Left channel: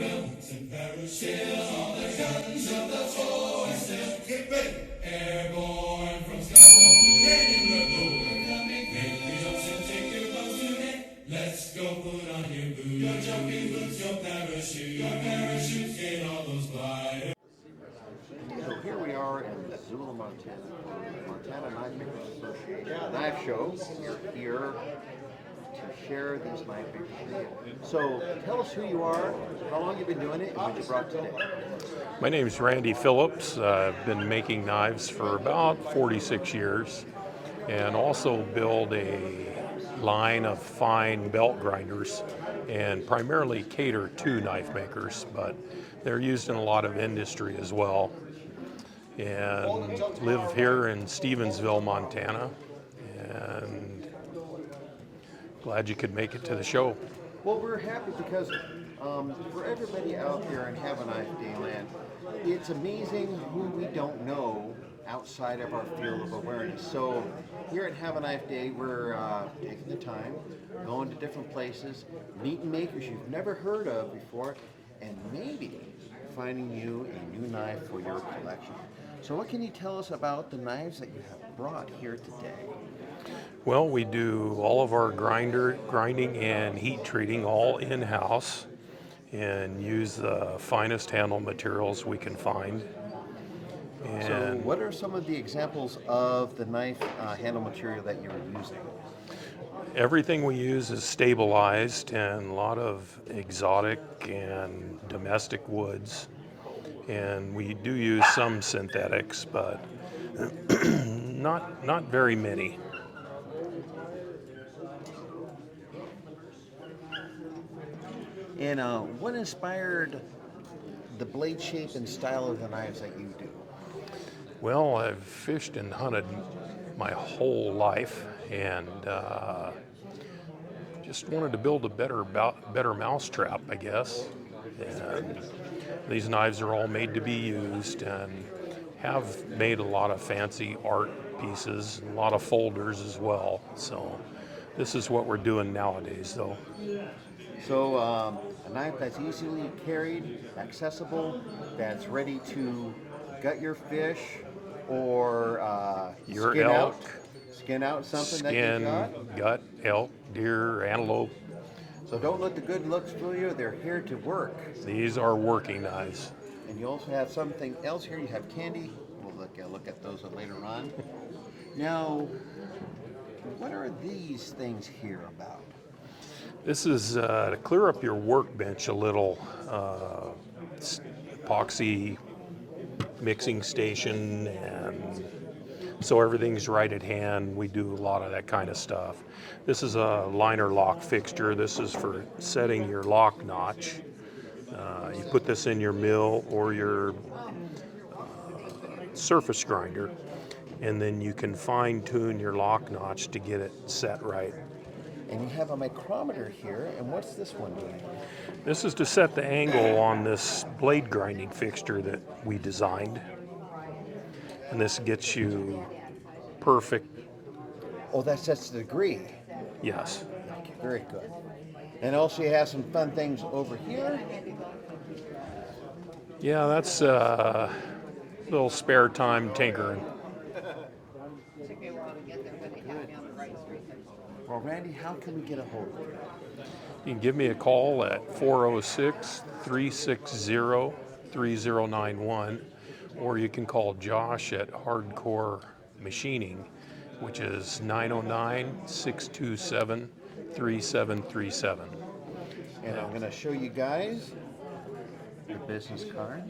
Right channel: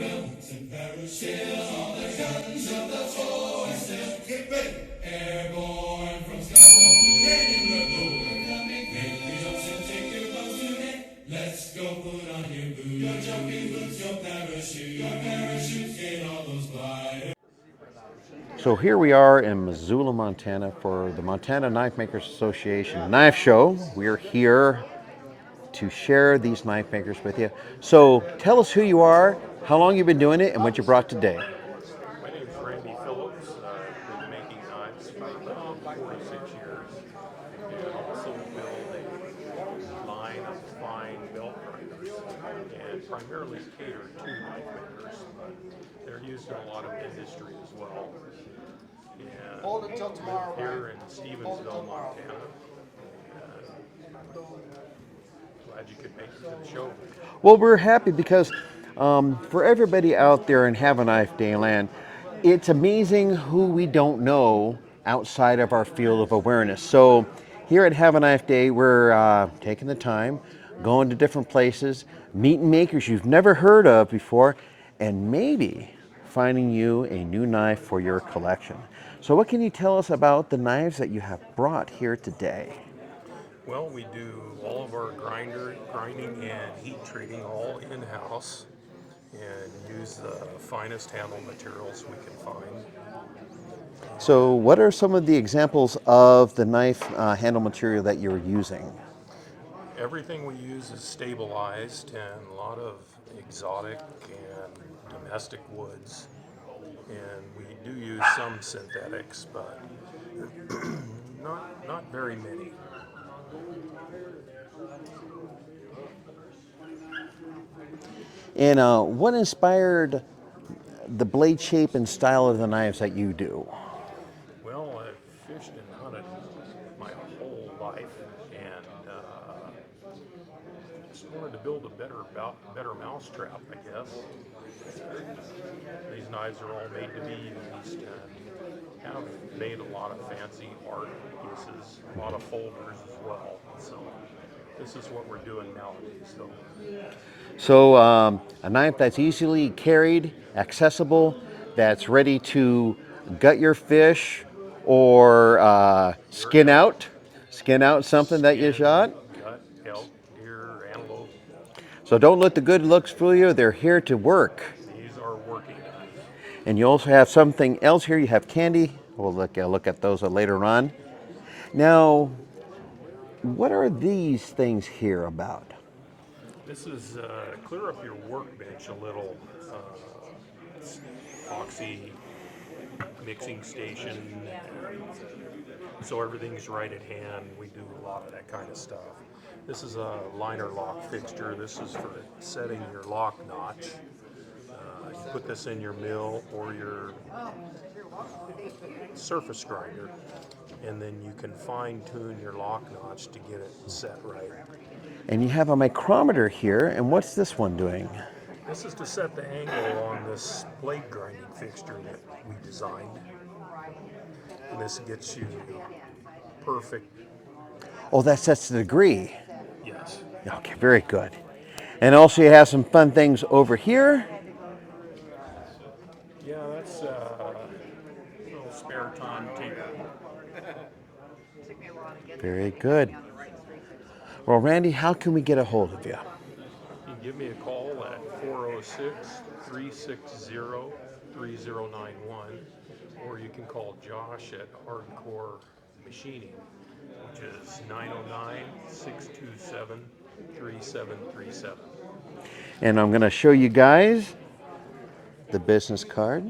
and parachute all the guns of the foe and still get ready. Airborne from skies up the raining road. We're coming quick, you jumps and take your boats today. Let's go put on your boots, your jumping boots, your parachutes, get all those gliders. So here we are in Missoula, Montana for the Montana Knife Makers Association Knife Show. We're here to share these knife makers with you. So tell us who you are, how long you've been doing it, and what you brought today. My name is Randy Phillips. I've been making knives for about 46 years and also build a line of fine belt grinders and primarily cater to knife makers, but they're used in a lot of industry as well. And live here in Stevensville, Montana, and glad you could make it to the show. Well, we're happy because for everybody out there in Have a Knife Day land, it's amazing who we don't know outside of our field of awareness. So here at Have a Knife Day, we're taking the time, going to different places, meeting makers you've never heard of before, and maybe finding you a new knife for your collection. So what can you tell us about the knives that you have brought here today? Well, we do all of our grinding and heat treating all in-house and use the finest handle materials we can find. So what are some of the examples of the knife handle material that you're using? Everything we use is stabilized and a lot of exotic and domestic woods. And we do use some synthetics, but not very many. And what inspired the blade shape and style of the knives that you do? Well, I've fished and hunted my whole life, and just wanted to build a better mousetrap, I guess. And these knives are all made to be used, and have made a lot of fancy art pieces, a lot of folders as well. So this is what we're doing nowadays, though. So a knife that's easily carried, accessible, that's ready to gut your fish or skin out something that you shot. Gut, elk, deer, antelope. So don't let the good looks fool you. They're here to work. These are working knives. And you also have something else here. You have candy. We'll look at those later on. Now, what are these things here about? This is to clear up your workbench a little. Epoxy mixing station, and so everything's right at hand. We do a lot of that kind of stuff. This is a liner lock fixture. This is for setting your lock notch. You put this in your mill or your surface grinder, and then you can fine tune your lock notch to get it set right. And you have a micrometer here, and what's this one doing? This is to set the angle on this blade grinding fixture that we designed. And this gets you perfect. Oh, that sets the degree. Yes. Okay, very good. And also you have some fun things over here. Yeah, that's a little spare time tinkering. Very good. Well, Randy, how can we get a hold of you? You can give me a call at 406-360-3091, or you can call Josh at Hardcore Machining, which is 909-627-3737. And I'm going to show you guys the business card.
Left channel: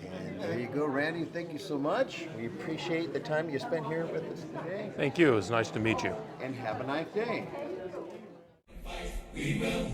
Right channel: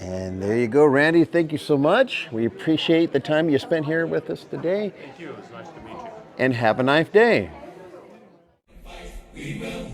And there you go, Randy. Thank you so much. We appreciate the time you spent here with us today. Thank you. It was nice to meet you. And have a nice day. We will